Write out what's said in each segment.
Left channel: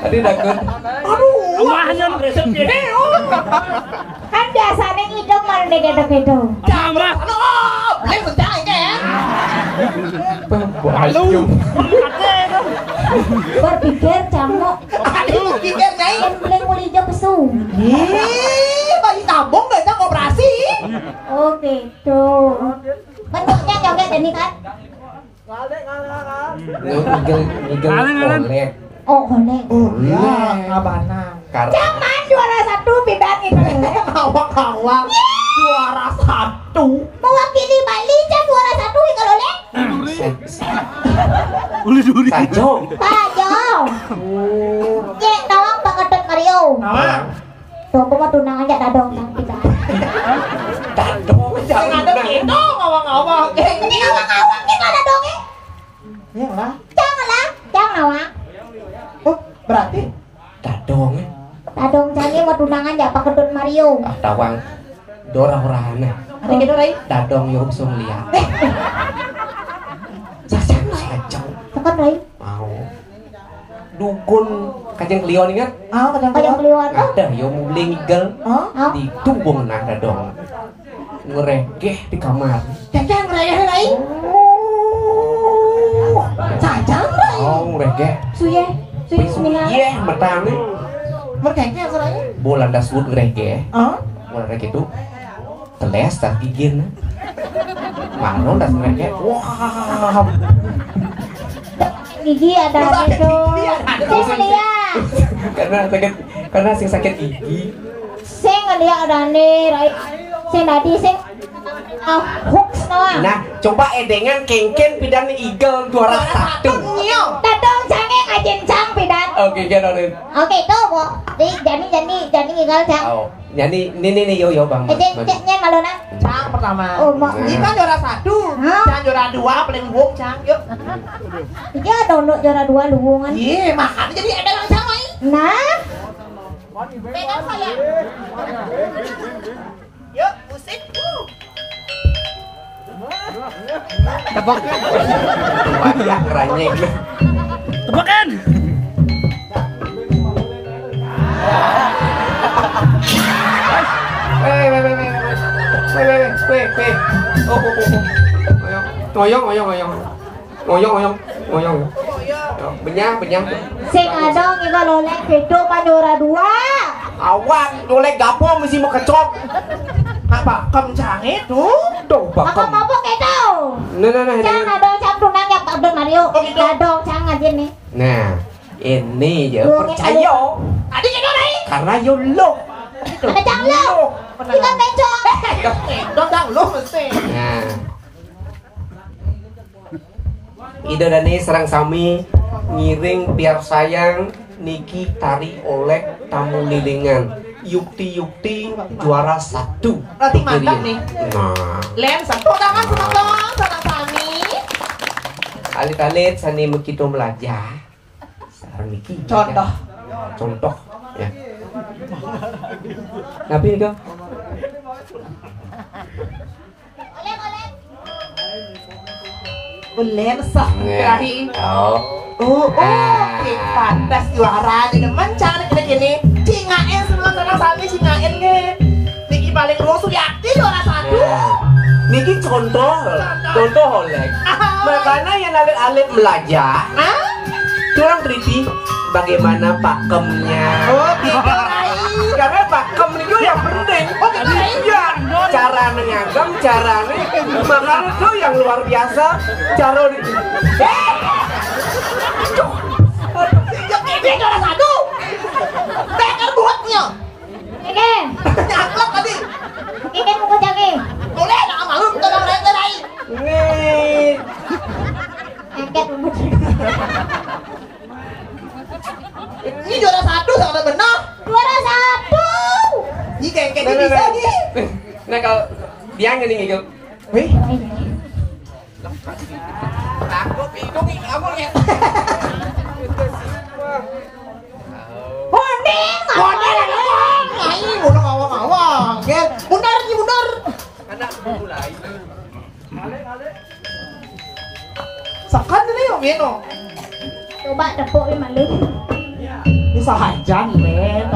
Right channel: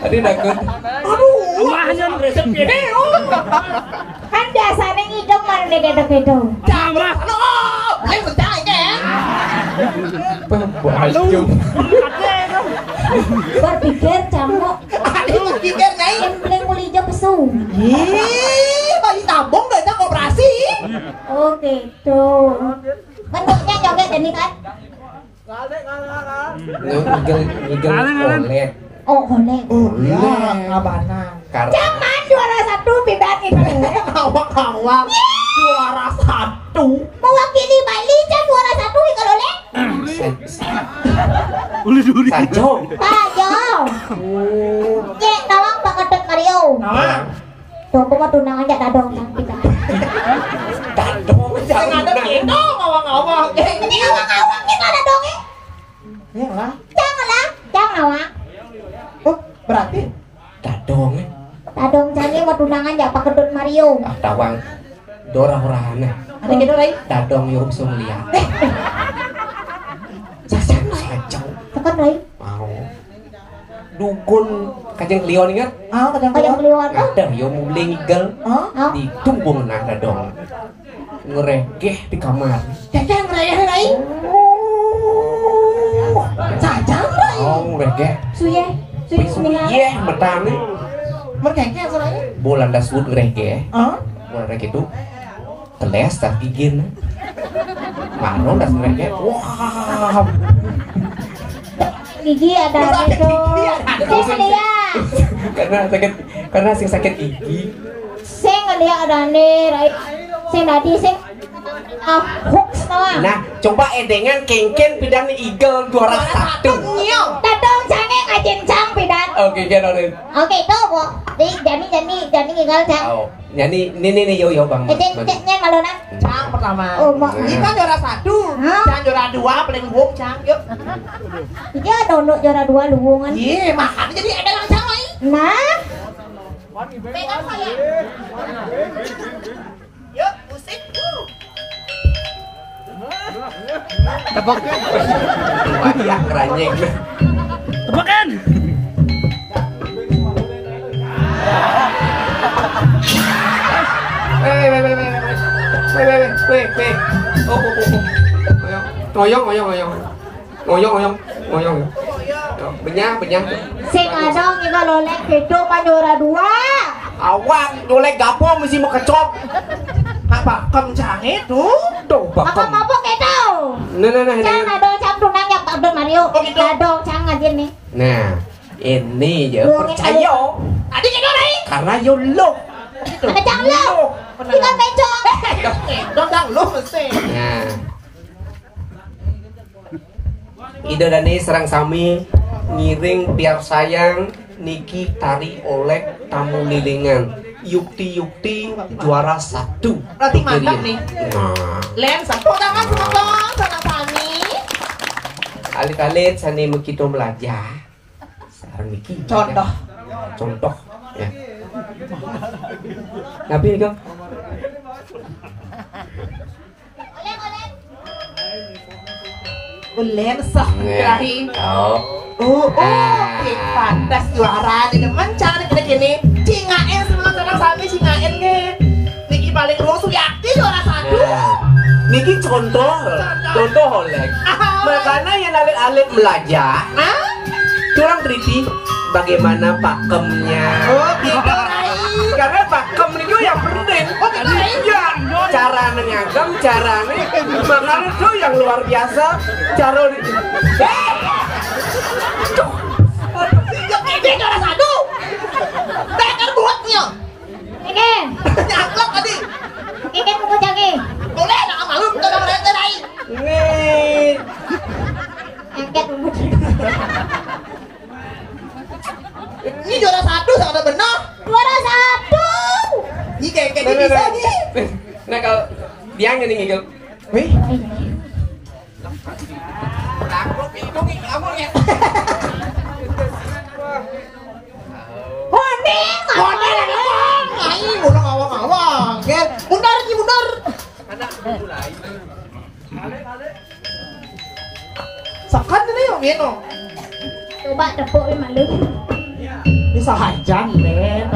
Tadi nakut. Aduh, mahnya resep gede. Kan biasanya hidung malu gitu-gitu. Jamah. Ayo bentar ya. Halo. Berpikir camuk. Aduh, pikir nih. Yang paling mulai hijau pesu. Bayi tabung udah kita koperasi. Oh gitu. Bentuknya joget ini kan? Ngigel. Oh golek. Ya, abanan. Jangan juara satu bidan itu. Awak-awak juara satu. Mewakili Bali kan juara satu kalau lek. Sajo. Pajo. Ye, nawang pakatut Mario. Nah, Tuh, gua mau tunang aja dadong yang kita. Dadong. jangan ada gitu ngawang-ngawang. Kita dadongnya. Ya lah. Janganlah, jangan nawang. Oh, berarti Dadong. Dadong jangan mau tunang aja pakatut Mario. Ah tawang. Dora-orane. ada gitu nih. Dadong yo sum lihat. Sajo. Tekan Rai. Mau. Dukun kajeng Leon ingat? Kadang Kayak keliwat. Ada yo mulai ngigel Oh, di tumbung nang dadong. Ngeregeh di kamar. Cacang raya nih. Cacang nih. Oh, ngeregeh. suye, suye semihan. Iya, metane. Merkeknya seraya. Bolan dasut ngeregeh. Hah? Mulai gitu. Teles tak gigin. Maron das ngeregeh. Wah. Gigi ada itu. Sing ngeliat. Karena sing sakit gigi. Sing ngeliat ada nih, Rai. Sing tadi sing hooks nawang. Nah, coba edengan kengken pidan igel juara satu. Dadong jange ngajincang pidan. Oke, janorin. Oke, tuh kok. Jadi ngigal cang. Oh, jadi ini yo bang. Ejeknya malona. Cang pertama. Oh, mak. Ini kan juara satu. Hah? Cang juara dua paling buk cang. Yuk. Iya, dono juara 2 luwungan. Iya, makan jadi ada yang sama ini. Nah, Pegang saya. Yuk, musik. Tepok. Banyak ranyeng. Tebakan. Ngoyong. Benyang. sing adong ngigal oleh itu mah juara 2. Awan, dolek gapung mesti mau kecok. Apa kencang itu? Tuh, bakom. Apa itu? Nah. Cang adong cang tunang yang Abdul Mario. Oh, gitu. Adong cang ngajin nih. Nah, ini ya percaya. Adik itu nih. Karena yo lo. Ada cang lo. Kita bencong. Dodang lu mesti. Nah. Ida Dani serang sami ngiring biar sayang niki tari oleh tamu lilingan Yukti juara 1. Berarti mantap nih. Nah, Len satu tangan senang sana sani. alit-alit sani begitu belajar. Sekarang niki contoh ya. Tapi kok Len sah dari. Oh. Pantas juara di depan cari kita gini. Cingain semua sana sani cingain nih. Niki paling lu Suyati juara 1. Nah, niki contoh oleh. Makanya yang alit-alit belajar. Hah? Kurang teliti bagaimana pakemnya. Oh, gitu Rai. Karena pakem itu yang penting. Oh, gitu Rai. Ya, cara menyangkam, caranya makan itu yang luar biasa. Cara Ini juara 1. Tekan buatnya. Oke. juara 1 sama benar. Juara 1. Ini kayak bisa nih. Nah kalau dia nggak nih gitu. Wih. Aku bingung kamu lihat. Kuning. Ayo, udah ngawang-ngawang. Mundur. Anak mulai. Sakan ini yang ini. Coba tepuk 5 lu. Ini sahajan, men.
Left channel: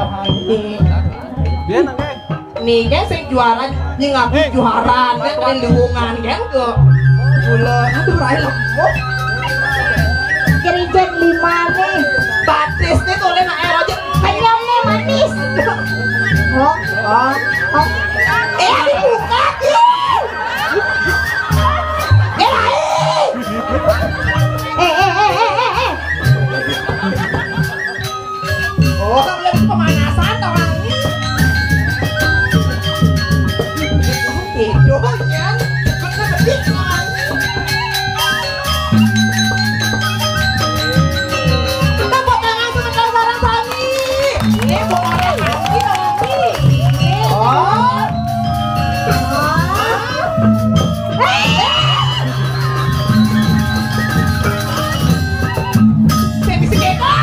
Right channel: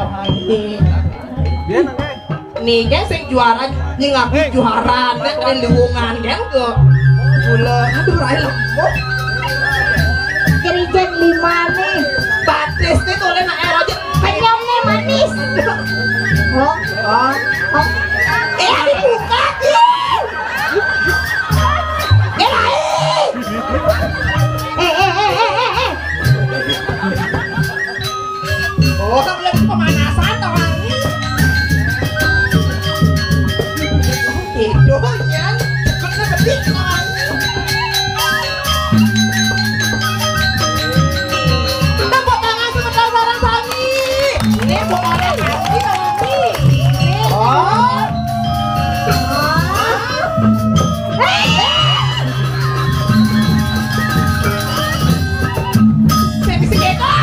Nih, kan sing juara, nih ngaku juara, nih kan lewungan, kan ke. Gula, itu lain lembut. Kerijen 5 nih. Batis nih tuh, nak air aja. Penyom nih manis. Oh. Ini buka nih. Oh, kamu lihat pemanasan kawan ini. Itu kan, bener-bener kawan. Kita buat tangan sebentar bareng Sami. Ini buat tangan Sami kawan ini. Baby Sigeko.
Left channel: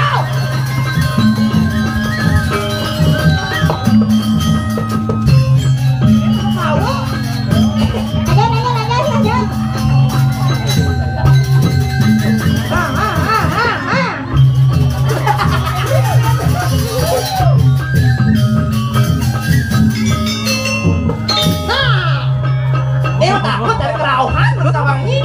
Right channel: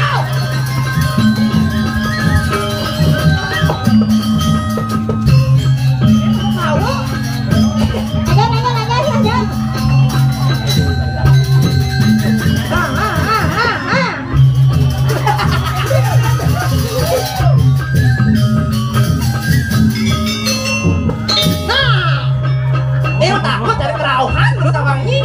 Takut dari kerauhan menurut abang ini.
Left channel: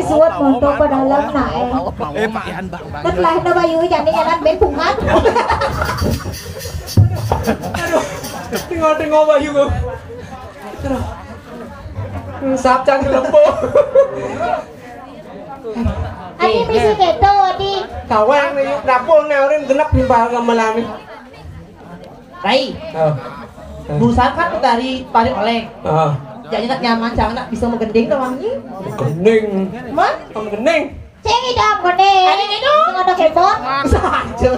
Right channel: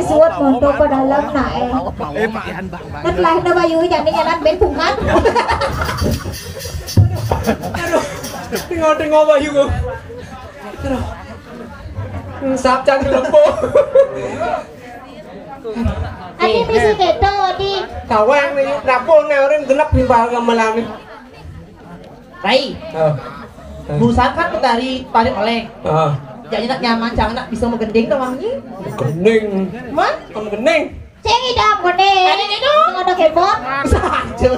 Suốt một tô pada lắm lại. Tất lại nó bao nhiêu chẳng đi nhà ăn bến cùng hát. Tengok bayu kau. Sabcan kelempo. Anh bisa deto di. Kawan ni rapor ni orang genap di bawah malam ni. Rai, berusaha kan dari paling oleh. Jadi nak nyaman, jangan nak bisa menggending tawangi. Gening. Man, Gening. Ceng idam kone. Ada itu. Ada kebot. Saja.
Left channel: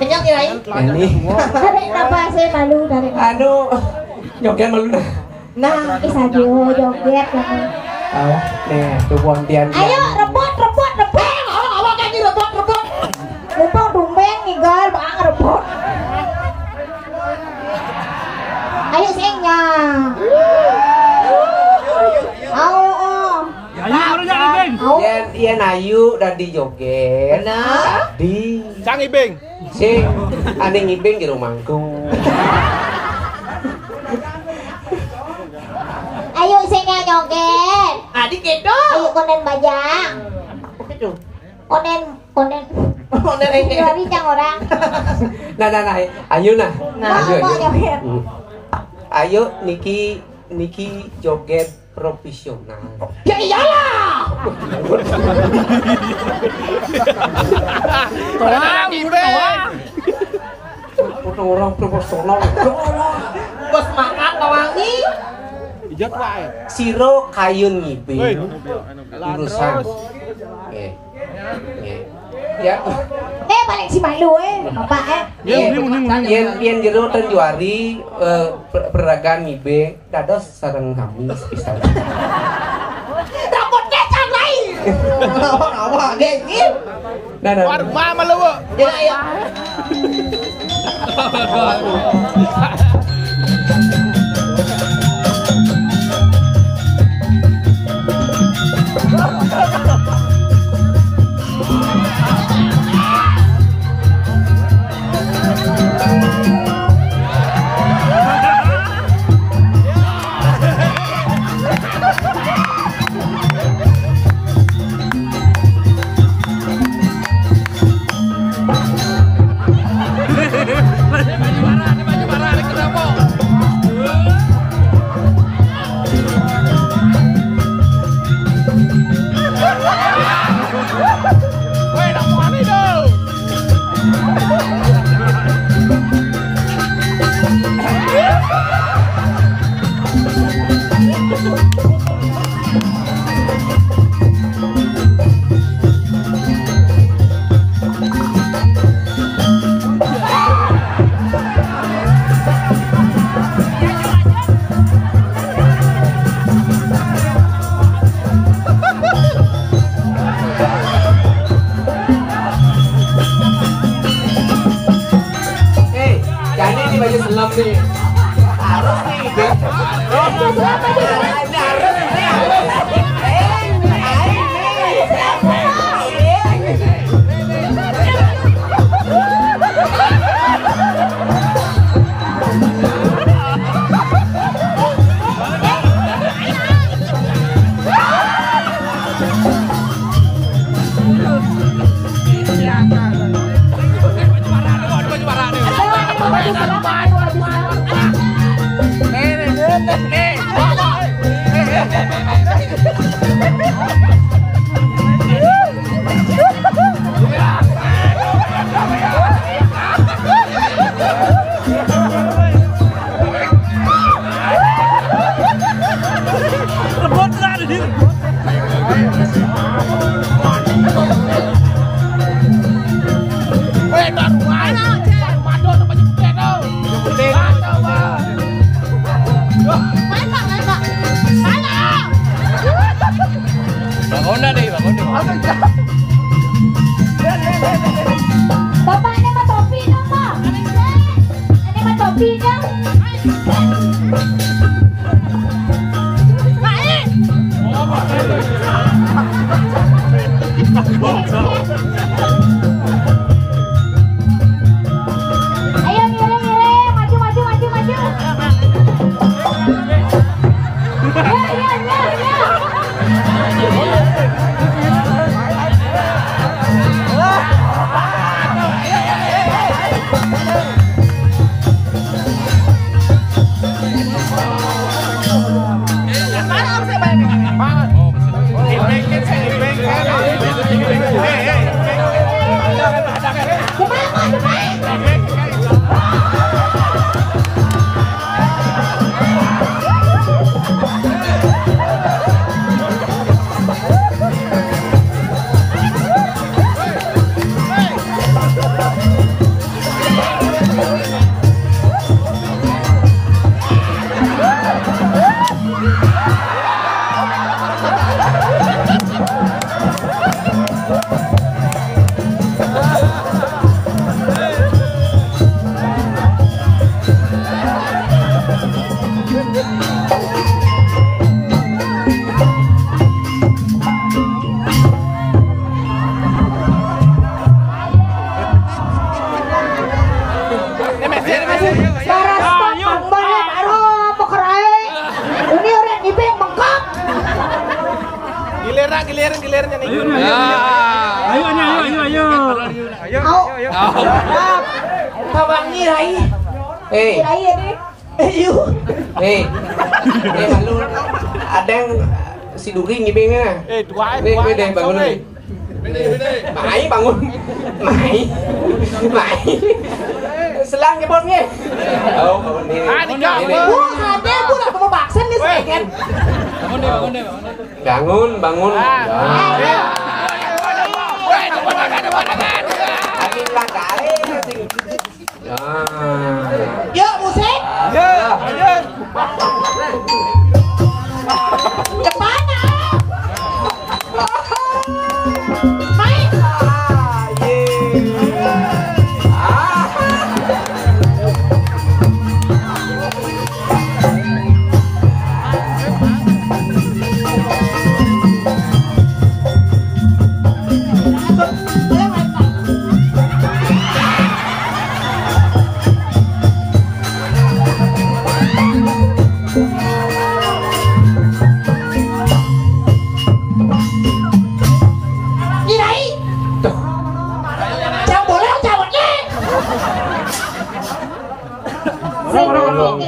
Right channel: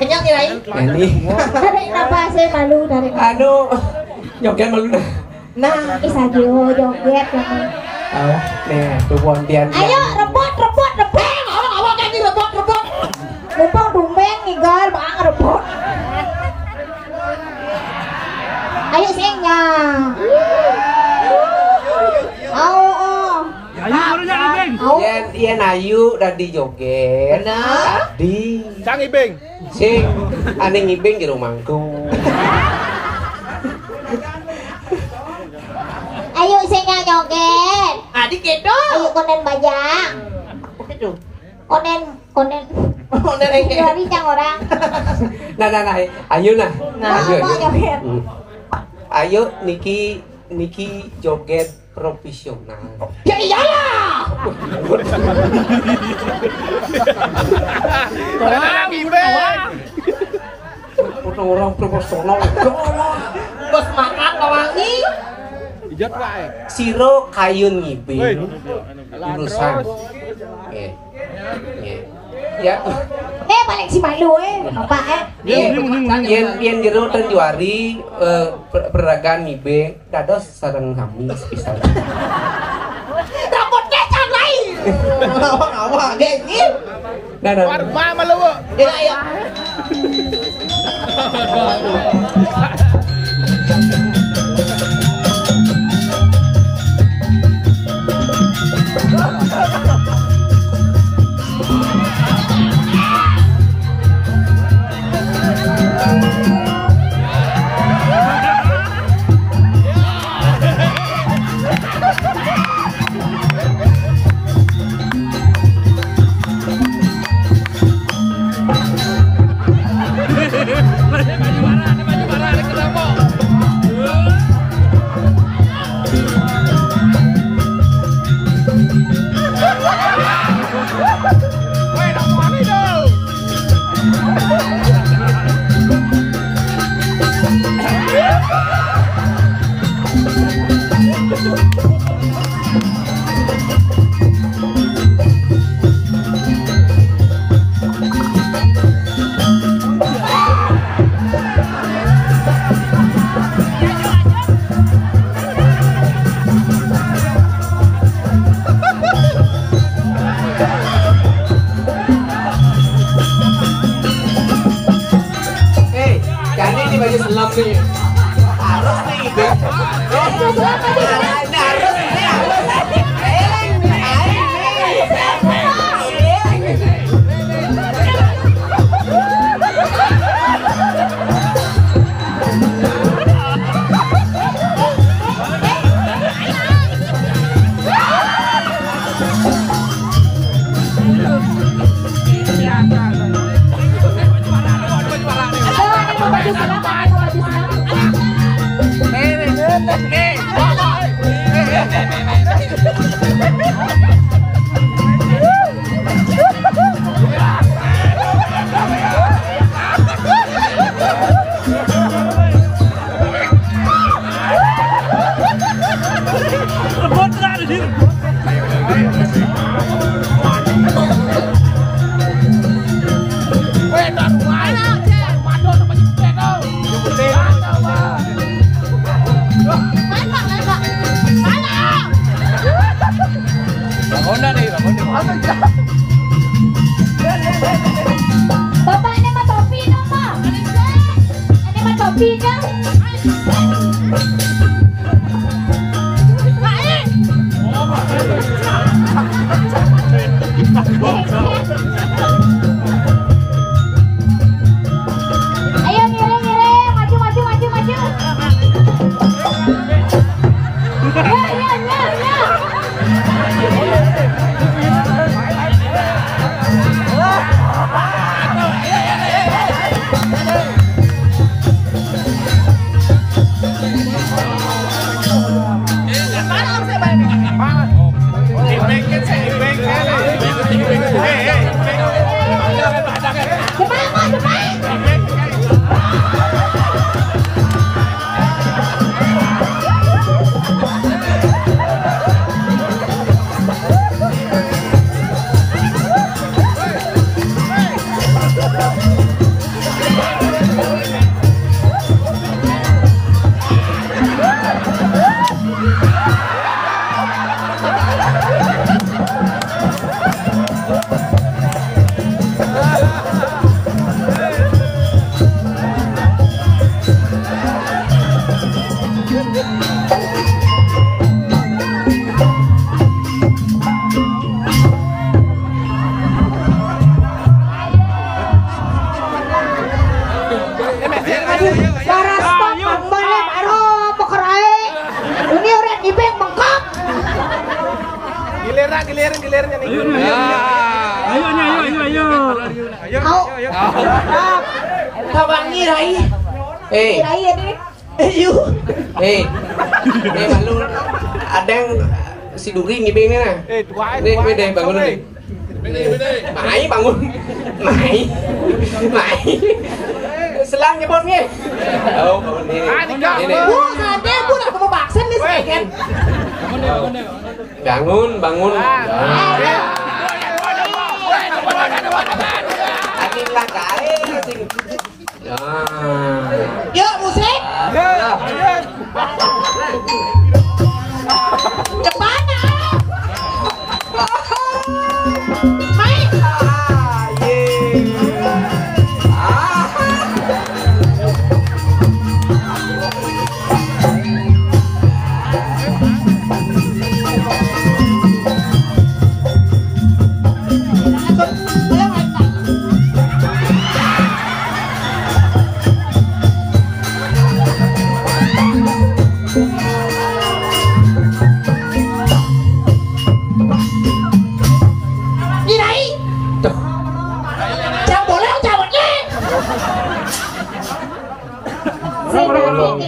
Kenyang ni Rai. Ini. Dari apa saya malu dari. Aduh, joget malu dah. Nah, isagio joget lagi. Nih, kemudian. Ayo rebut. Awak kan ni rebut. Rebut dumbeng nih girl, bang rebut. Ayo sengnya. Ian Ayu dan di joget. Benar. Di. Sang Ibing. Sing, aning ibing di rumahku. Ayo sengnya joget. Adik itu. Ayo konen bajang. Itu. Konen. Oh, dari ini. Dari cang orang. Nah, Ayu nah. Mau joget. Ayo Niki joget profesional. Ya iyalah. Orang profesional. Bos makan tawangi. Siro kayun ngibing urusan. Ya. Balik si malu apa Yen jero dan juari peragaan ngibing dados sareng kami pisan. Rambut kecang lain. Awak gini. Nah. Warba malu. Ya. Jadi ini baju selam nih. Harus Bapak ini mah topi dong, Pak. Ini mah topinya. Ayo ngiring, maju. Kawangi Rai. Rai ya deh. Malu ada yang si Duri ngibengnya. Nih, deh bangun nih. Mai bangun. Mai. Selang nyebutnya. Oh, ini. Ada aku nak mau vaksin nih saya kan. Bangun. Yuk musik. Cepat. Main.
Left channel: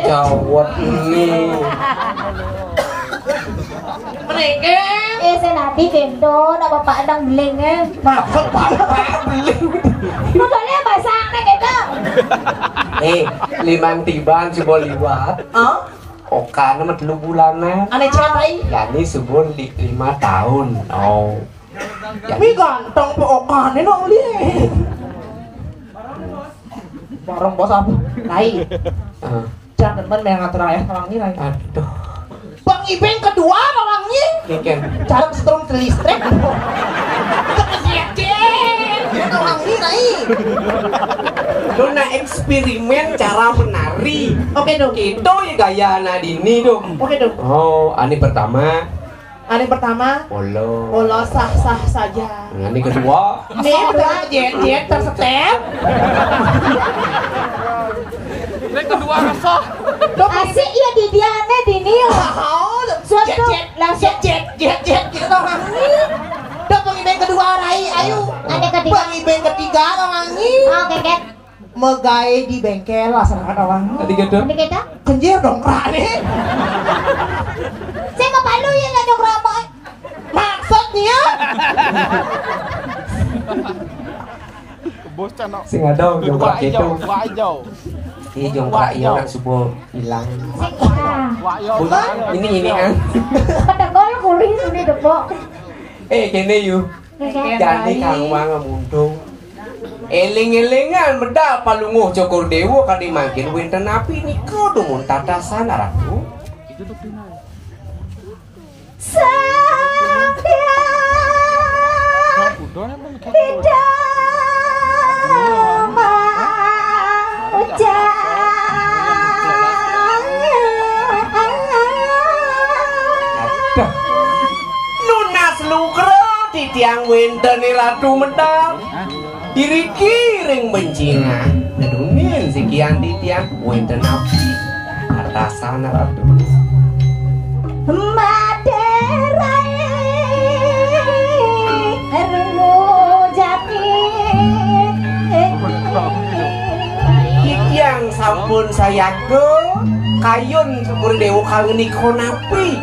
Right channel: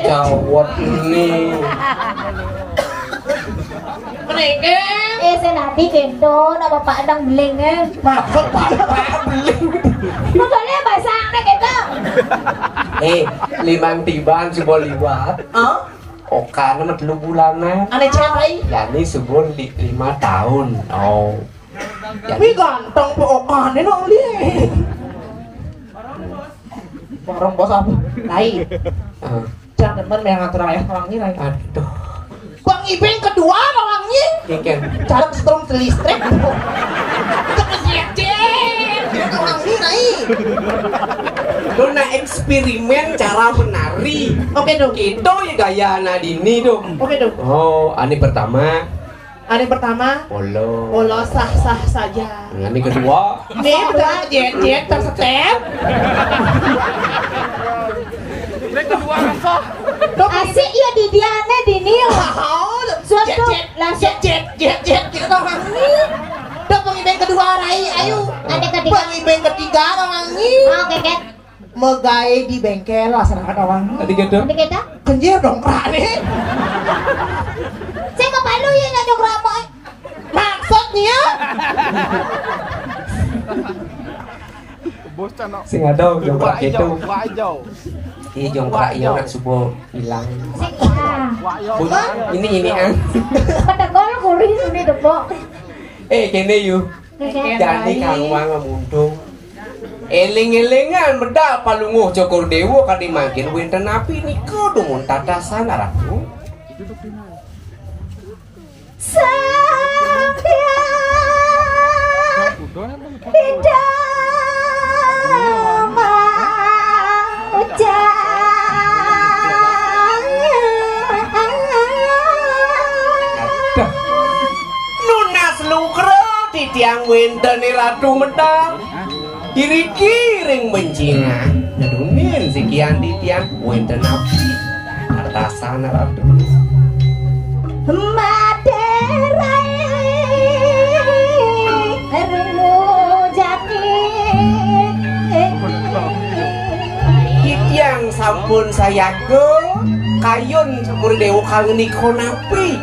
Cawat nih. Mereka. Saya nanti kendo, nama Pak Dang beling. Maksud Pak beling. Maksudnya bahasa aneh gitu. limang tiban coba liwat. Oka nama 3 bulanan. Ane cewek. Yani subur 5 tahun. Oh. Tapi ganteng po Oka nih dong dia. Bareng bos apa? Lai. Jangan teman yang ngatur ayah orangnya lai. Aduh. Bang Ibeng kedua orangnya. Kiken. Cara setrum listrik. Dia orangnya lai. Lu na eksperimen cara menari. Oke dong. Itu ya gaya Nadini dong. Oke dong. Oh, ani pertama. Ani pertama. Polo sah-sah saja. Ani kedua. Nih udah jet tersetep. Ini kedua sah. Asik ya di diane dini. Suatu langsung Jet kita orangnya. Dok Bang Ibeng kedua rai, ayo. Ada ketiga. Bang Ibeng ketiga orangnya. Oke kan. Megai di bengkel lah serangkan orangnya. Tadi gitu. Nanti kita. Kenjir dong rane. Saya ngapain lu ya nggak dong ramai? Maksud dia. Sing ada jongkrak gitu. Wajau. Iya jongkrak iya nak subuh hilang. Saya Ini an. pada gol kuris udah dong. Kene yuk. Jadi kang manga mundung. Eling-elingan bedak palunguh Cokor Dewo kadi mangkin winten api nika dumun tatasan arahku. Nunas lukro di tiang winten ratu medang. Diri kiring bencina Nedungin sekian di tiang winten api atasan ratu Maderai Harumu jati Yang sampun sayago Kayun syukur dewa kangen iko napi